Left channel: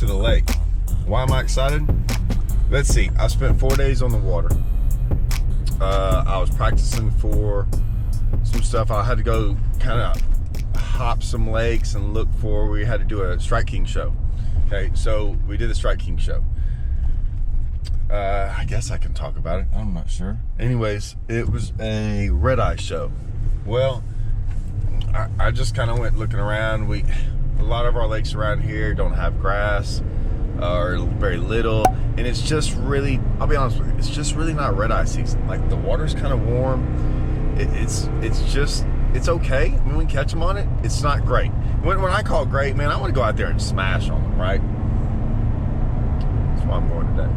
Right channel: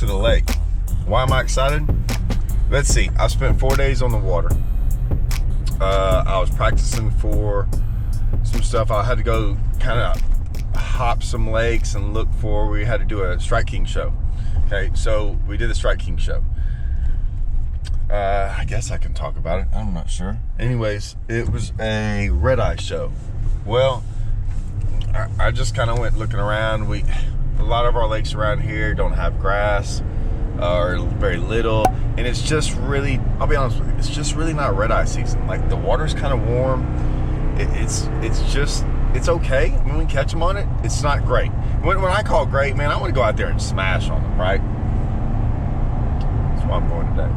to the lake. Why am I excited? Let's see. I spent 4 days on the water. I was practicing for some stuff. I had to go kind of hop some lakes and look for, we had to do a Strike King show. Okay, so we did the Strike King show. I guess I can talk about it. I'm not sure. Anyways, it was a red eye show. Well, I just kind of went looking around. A lot of our lakes around here don't have grass or very little, and it's just really, I'll be honest with you, it's just really not red eye season. Like, the water's kind of warm. It's okay. When we catch them on it, it's not great. When I call great, man, I want to go out there and smash on them, right? That's why I'm going today.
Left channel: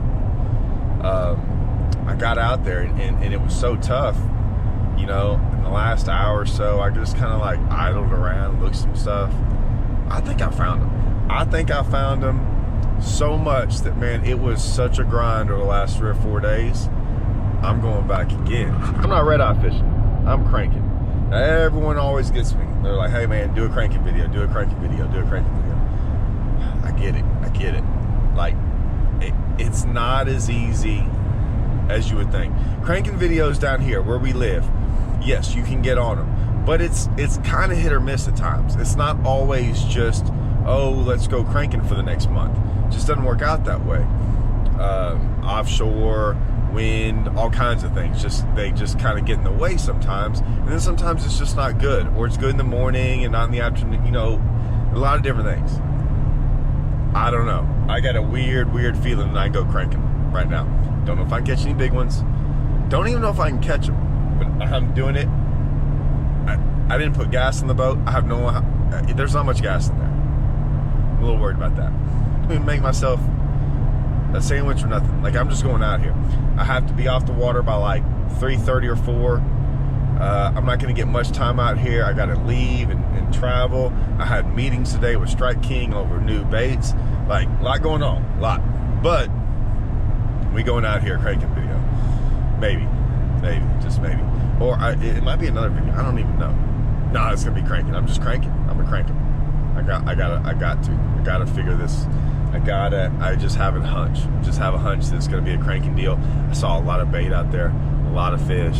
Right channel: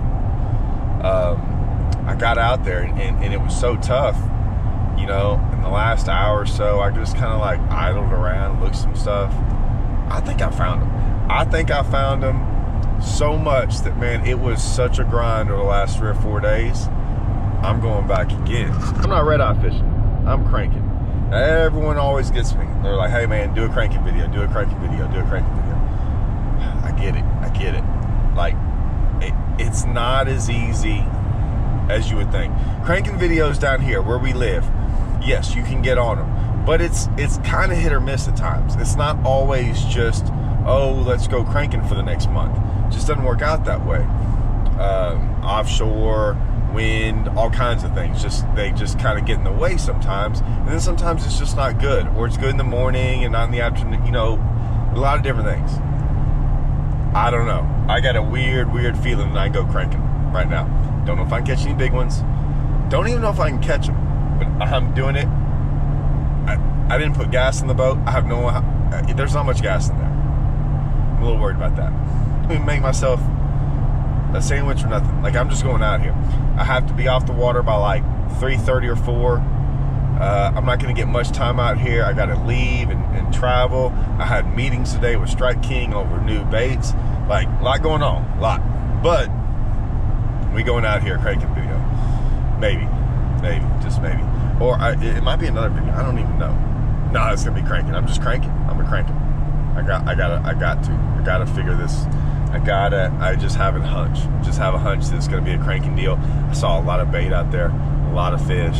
I got out there and it was so tough, you know. In the last hour or so, I just kind of like idled around, looked some stuff. I think I found them so much that, man, it was such a grind over the last 3 or 4 days. I'm going back again. I'm not red eye fishing, I'm cranking. Everyone always gets me. They're like, hey man, do a cranking video, do a cranking video, do a cranking video. I get it. Like, it's not as easy as you would think. Cranking videos down here where we live, yes, you can get on them, but it's kind of hit or miss at times. It's not always just, oh, let's go cranking for the next month. It just doesn't work out that way. Offshore, wind, all kinds of things, they just kind of get in the way sometimes, and then sometimes it's just not good, or it's good in the morning and not in the afternoon, you know, a lot of different things. I don't know. I got a weird feeling when I go cranking right now. Don't know if I can catch any big ones. Don't even know if I can catch them, but I'm doing it. I didn't put gas in the boat. I have no, there's not much gas in there. I'm a little worried about that. I'm gonna make myself a sandwich or nothing. Like, I'm just going out here. I have to be off the water by like 3:30 or 4. I'm not gonna get much time out here. I gotta leave and travel. I had meetings today with Strike King over new baits. Like, a lot going on, a lot. But we going out here cranking video. Maybe, just maybe. Or it might be another video. I don't even know. No, it's gonna be cranking. I'm just cranking. I'm gonna crank it. I gotta figure this. I just have a hunch. Just have a hunch that it's gonna be a cranking deal. I saw a lot of bait out there, a lot of fish.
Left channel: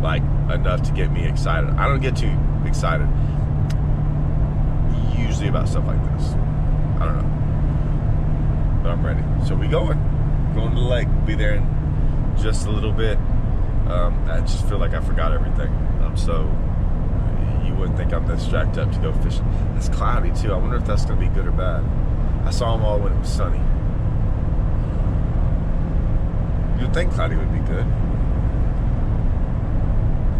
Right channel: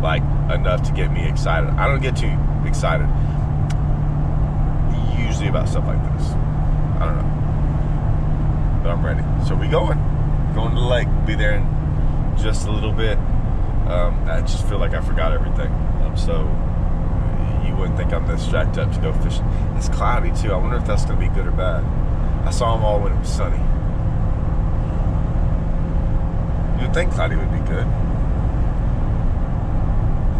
Like, enough to get me excited. I don't get too excited usually about stuff like this. I don't know, but I'm ready. So we going to the lake. Be there in just a little bit. I just feel like I forgot everything. So you wouldn't think I'm this jacked up to go fishing. It's cloudy too. I wonder if that's gonna be good or bad. I saw them all when it was sunny. You'd think cloudy would be good.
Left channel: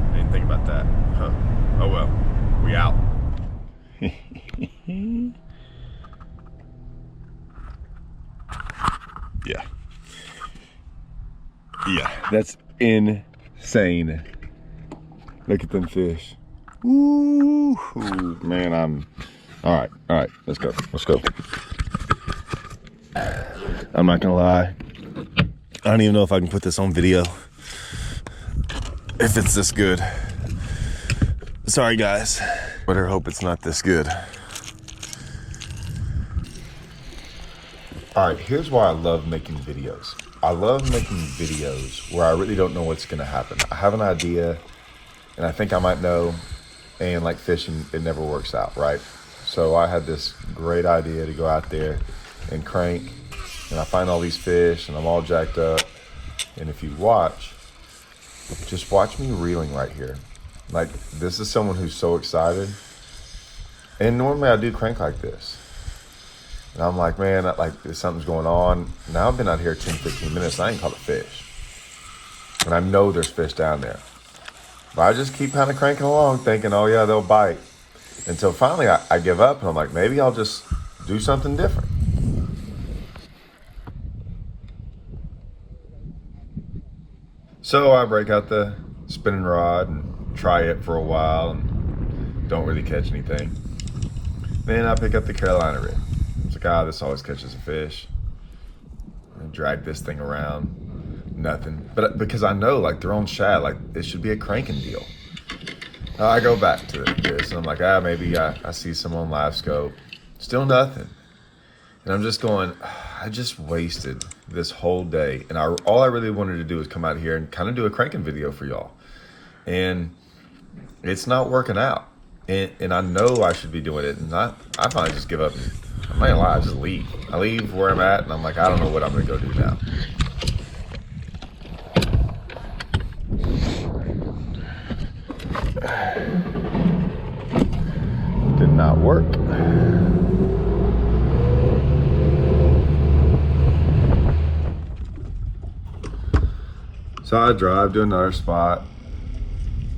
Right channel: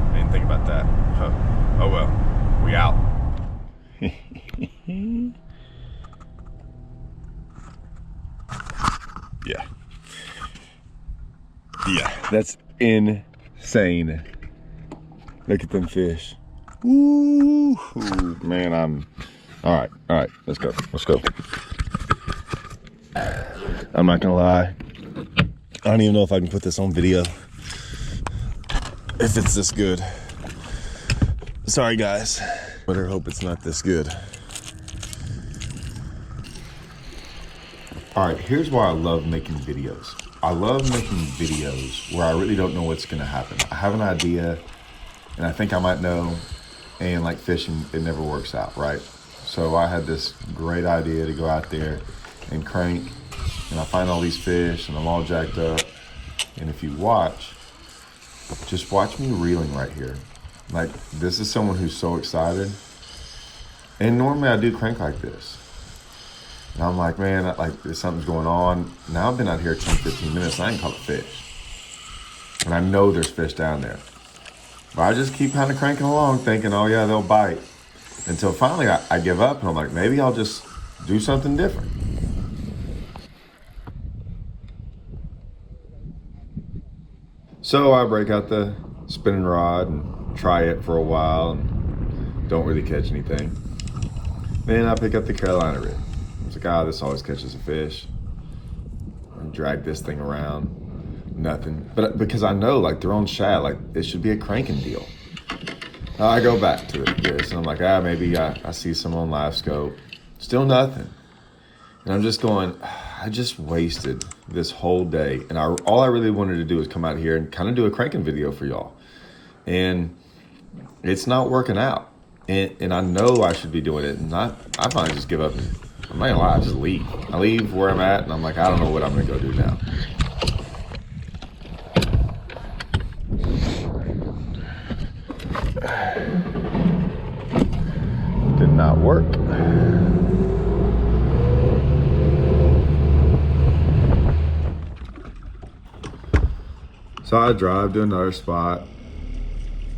I didn't think about that. Huh. Oh well, we out. Yeah, that's insane. Look at them fish. Ooh, man, all right, let's go. I'm not gonna lie, I don't even know if I can put this on video if it's this good. Sorry guys, better hope it's not this good. All right, here's why I love making videos. I love making videos where I really don't know what's gonna happen. I have an idea and I think I might know, and like fishing, it never works out, right? So I had this great idea to go out there and crank, and I find all these fish and I'm all jacked up. And if you watch, just watch me reeling right here. Like, this is someone who's so excited. And normally I do crank like this. And I'm like, man, like, something's going on. Now I've been out here 10, 15 minutes and I ain't caught a fish. And I know there's fish down there. But I just keep kind of cranking along thinking, oh yeah, they'll bite. Until finally I give up and I'm like, maybe I'll just do something different. So I break out the spinning rod and try it for a while and don't really catch anything. Then I pick up the Carolina rig. It's like, this always catches a fish. And drag this thing around, nothing. But because I know, like, they're on shad, like, it should be a cranking deal. I go back to this and I'm like, maybe I see some on live scope. Still nothing. And I'm just going, I just wasted this whole day. And all I really wanted to do was come out here and kind of do a cranking video for y'all. And it's not working out. And I know I should be doing it. And I might just give up. I'm not gonna lie, I just leave. I leave where I'm at and I'm like, I don't know what I'm gonna go do now. Did not work. So I drive to another spot,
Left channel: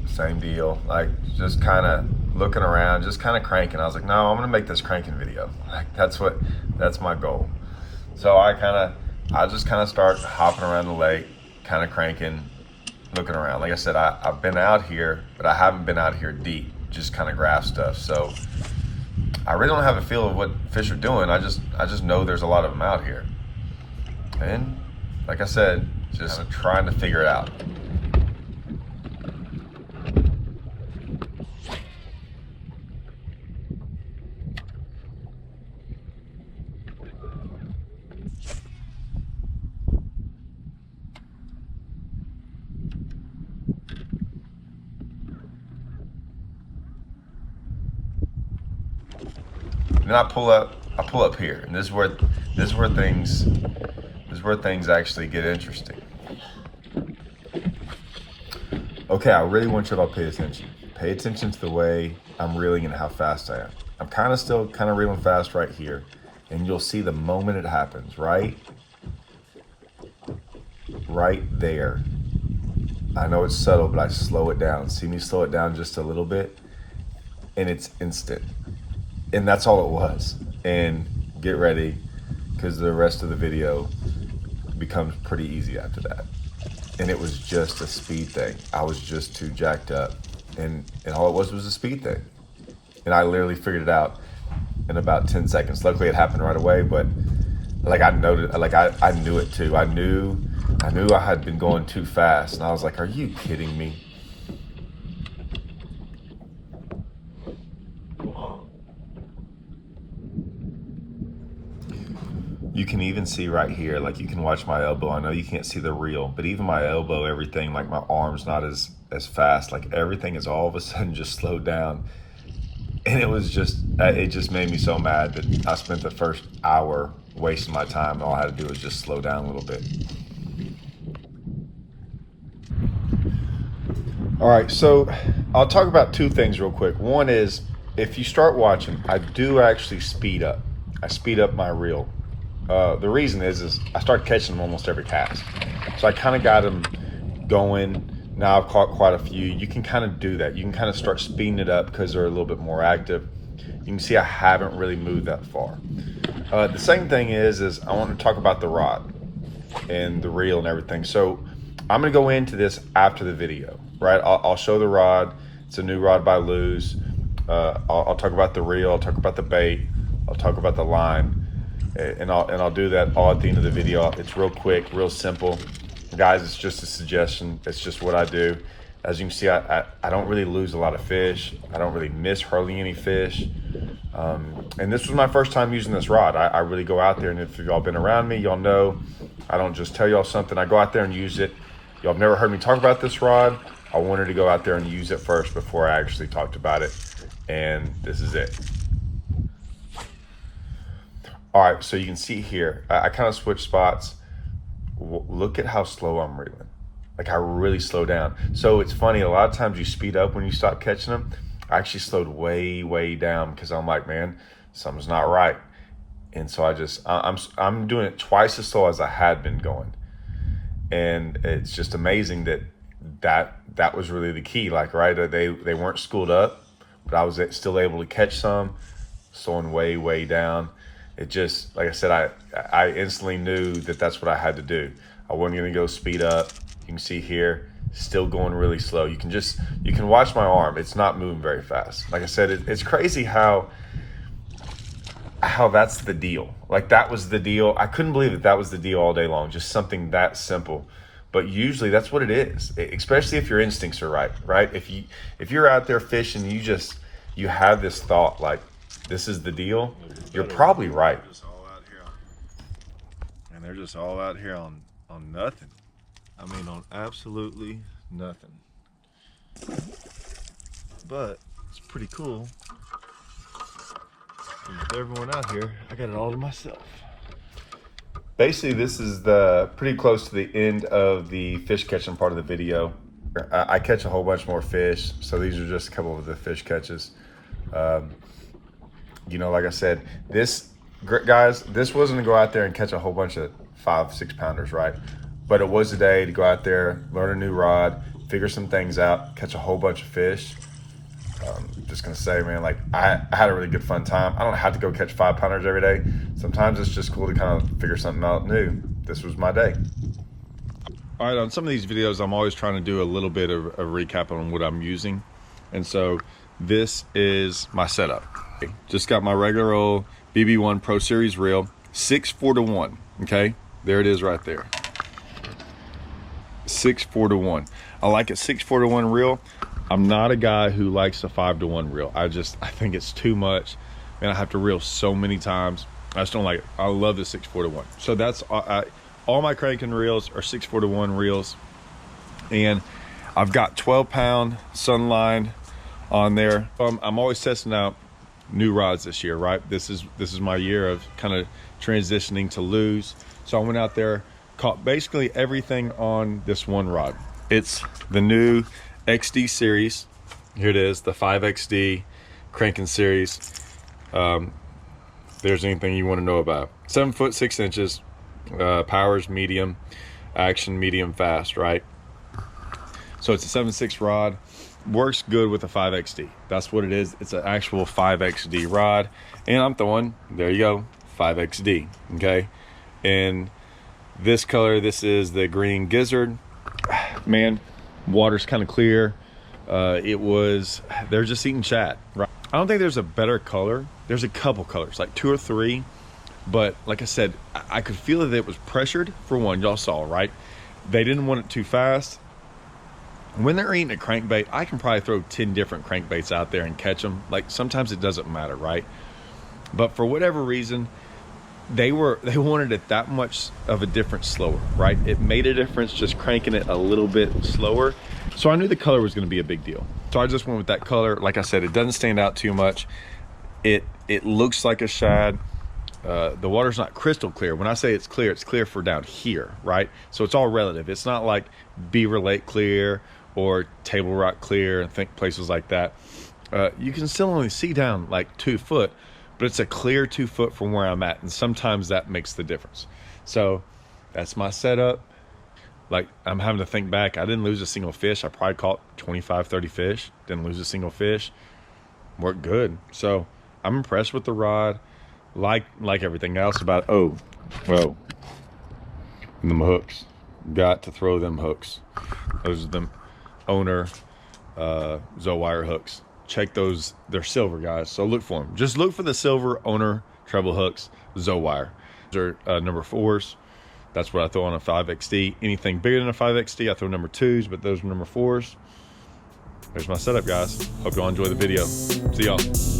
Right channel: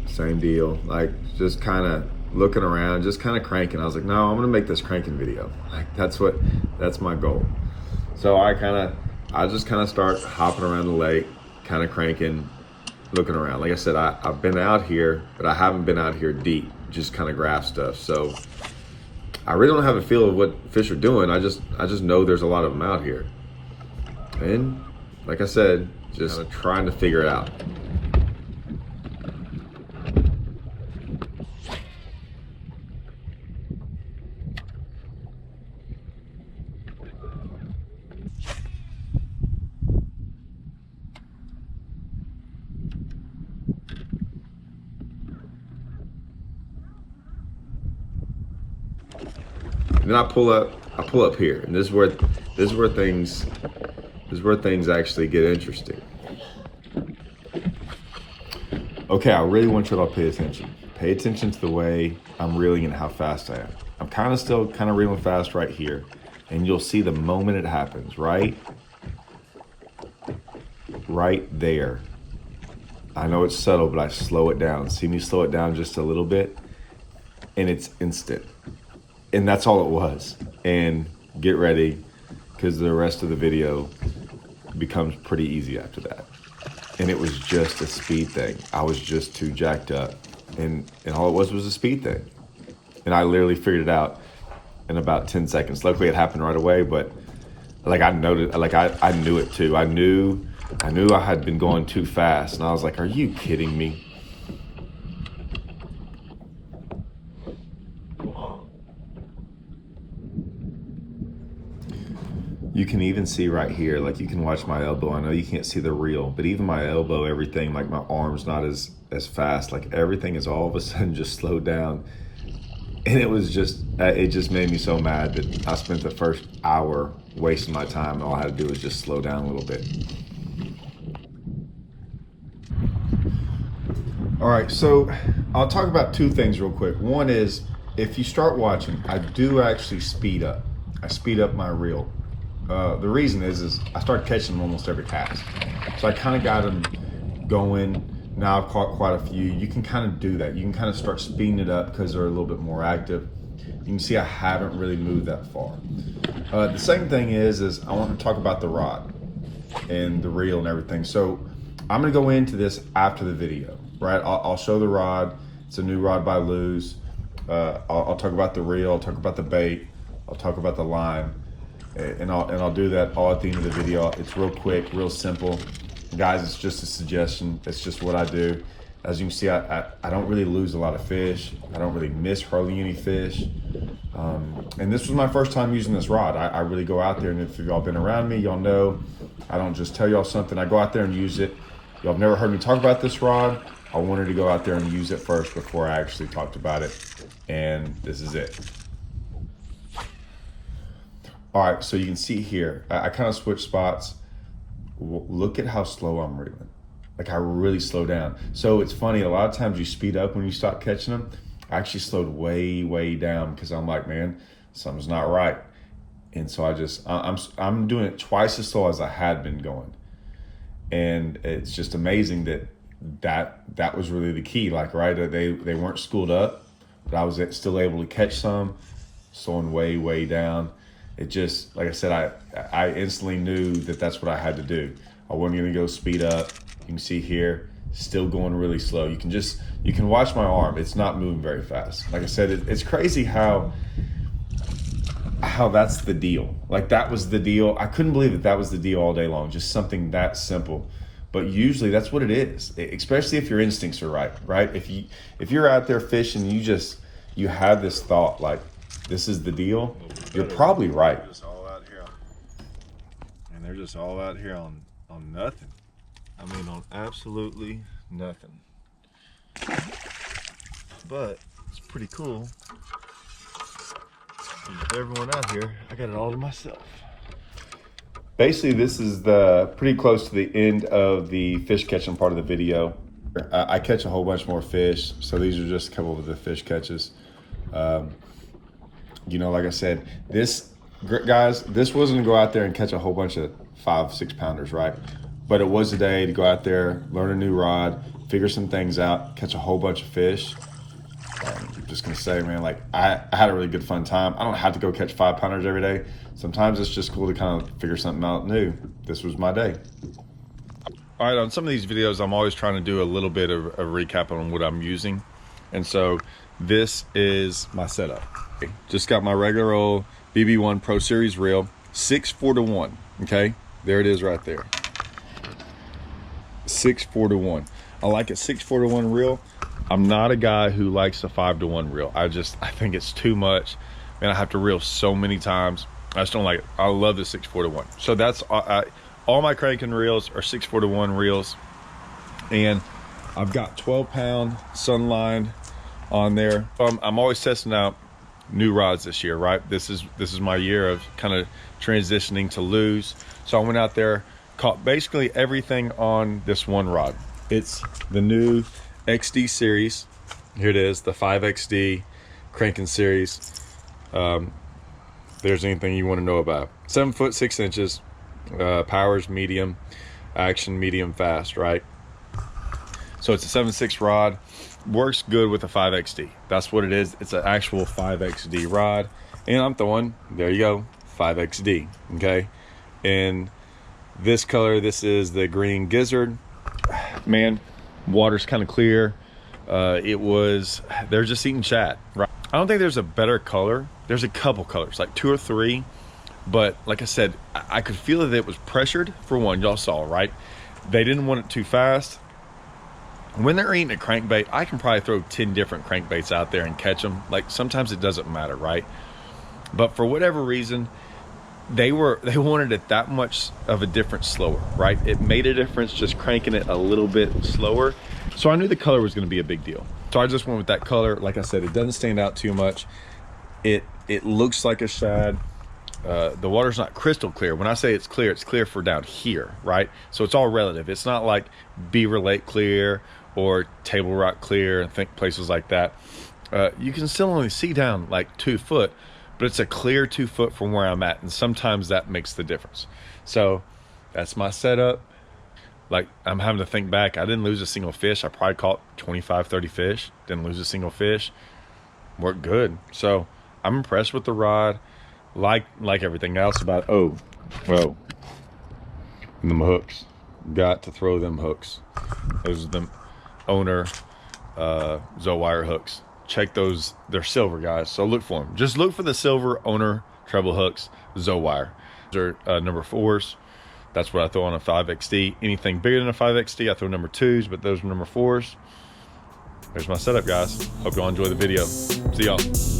same deal, like just kind of looking around, just kind of cranking. I was like, no, I'm gonna make this cranking video. Like that's my goal. So I just kind of start hopping around the lake, kind of cranking, looking around. Like I said, I've been out here, but I haven't been out here deep, just kind of graph stuff. So I really don't have a feel of what fish are doing. I just know there's a lot of them out here. And like I said, just trying to figure it out. And then I pull up here, and this is where things actually get interesting. Okay, I really want you to pay attention. Pay attention to the way I'm reeling and how fast I am. I'm still reeling fast right here, and you'll see the moment it happens, right there. I know it's subtle, but I slow it down. See me slow it down just a little bit, and it's instant. And that's all it was. And get ready, because the rest of the video becomes pretty easy after that. And it was just a speed thing. I was just too jacked up. And all it was a speed thing. And I literally figured it out in about 10 seconds. Luckily it happened right away, but like I noted, like I knew it too. I knew I had been going too fast. And I was like, are you kidding me? You can even see right here, like you can watch my elbow. I know you can't see the reel, but even my elbow, everything, like my arm's not as fast. Like everything is all of a sudden just slowed down. And it just made me so mad that I spent the first hour wasting my time. All I had to do was just slow down a little bit. All right, so I'll talk about two things real quick. One is, if you start watching, I do actually speed up. I speed up my reel. The reason is I start catching them almost every cast. So I kind of got them going. Now I've caught quite a few. You can kind of do that. You can kind of start speeding it up because they're a little bit more active. You can see I haven't really moved that far. The second thing is I want to talk about the rod and the reel and everything. So I'm going to go into this after the video, right? I'll show the rod. It's a new rod by Luz. I'll talk about the reel. I'll talk about the bait. I'll talk about the line. And I'll do that all at the end of the video. It's real quick, real simple. Guys, it's just a suggestion. It's just what I do. As you can see, I don't really lose a lot of fish. I don't really miss hardly any fish. And this was my first time using this rod. I really go out there, and if y'all been around me, y'all know I don't just tell y'all something. I go out there and use it. Y'all have never heard me talk about this rod. I wanted to go out there and use it first before I actually talked about it. And this is it. All right, so you can see here, I kind of switched spots. Look at how slow I'm reeling. Like I really slow down. So it's funny, a lot of times you speed up when you start catching them. I actually slowed way down because I'm like, man, something's not right. And so I'm doing it twice as slow as I had been going. And it's just amazing that was really the key. Like, right, they weren't schooled up, but I was still able to catch some, slowing way down. It just, like I said, I instantly knew that's what I had to do. I wasn't gonna go speed up. You can see here, still going really slow. You can watch my arm. It's not moving very fast. Like I said, it's crazy how that's the deal. Like that was the deal. I couldn't believe that was the deal all day long. Just something that simple. But usually that's what it is, especially if your instincts are right? If you're out there fishing, you have this thought like, this is the deal, you're probably right. And they're just all out here on nothing. I mean, on absolutely nothing. But it's pretty cool. With everyone out here, I got it all to myself. Basically, this is pretty close to the end of the fish catching part of the video. I catch a whole bunch more fish, so these are just a couple of the fish catches. You know, like I said, guys, this wasn't to go out there and catch a whole bunch of 5-6 pounders, right? But it was a day to go out there, learn a new rod, figure some things out, catch a whole bunch of fish. I'm just gonna say, man, like I had a really good fun time. I don't have to go catch 5 pounders every day. Sometimes it's just cool to kind of figure something out new. This was my day. All right, on some of these videos, I'm always trying to do a little bit of a recap on what I'm using. And so this is my setup. Just got my regular old BB1 Pro Series reel, 6-4-1, okay? There it is right there. 6-4-1. I like a 6-4-1 reel. I'm not a guy who likes a 5-1 reel. I think it's too much. Man, I have to reel so many times. I just don't like it. I love the 6-4-1. So that's all my cranking reels are 6-4-1 reels. And I've got 12-pound Sunline on there. I'm always testing out new rods this year, right? This is my year of kind of transitioning to lose. So I went out there, caught basically everything on this one rod. It's the new XD series. Here it is, the 5XD cranking series. There's anything you want to know about. 7 foot 6 inches, powers medium, action medium fast, right? So it's a 7.6 rod. Works good with a 5XD. That's what it is. It's an actual 5XD rod. And I'm throwing, there you go, 5XD, okay? And this color, this is the green gizzard. Man, water's kind of clear. They're just eating shad, right? I don't think there's a better color. There's a couple colors, like 2 or 3. But like I said, I could feel that it was pressured for one. Y'all saw, right? They didn't want it too fast. When they're eating a crankbait, I can probably throw 10 different crankbaits out there and catch them. Like sometimes it doesn't matter, right? But for whatever reason, they wanted it that much of a difference slower, right? It made a difference just cranking it a little bit slower. So I knew the color was going to be a big deal. So I just went with that color. Like I said, it doesn't stand out too much. It looks like a shad. The water's not crystal clear. When I say it's clear for down here, right? So it's all relative. It's not like Beaver Lake clear or Table Rock clear and think places like that. You can still only see down like 2 foot, but it's a clear 2 foot from where I'm at. And sometimes that makes the difference. So that's my setup. Like I'm having to think back. I didn't lose a single fish. I probably caught 25, 30 fish. Didn't lose a single fish. Worked good. So I'm impressed with the rod. Like everything else about, oh, well, them hooks. Got to throw them hooks. Those are them owner Zowire hooks. Check those. They're silver, guys. So look for them. Just look for the silver owner treble hooks, Zowire. Those are number 4s. That's what I throw on a 5XD. Anything bigger than a 5XD, I throw number 2s, but those are number 4s. There's my setup, guys. Hope y'all enjoy the video. See y'all.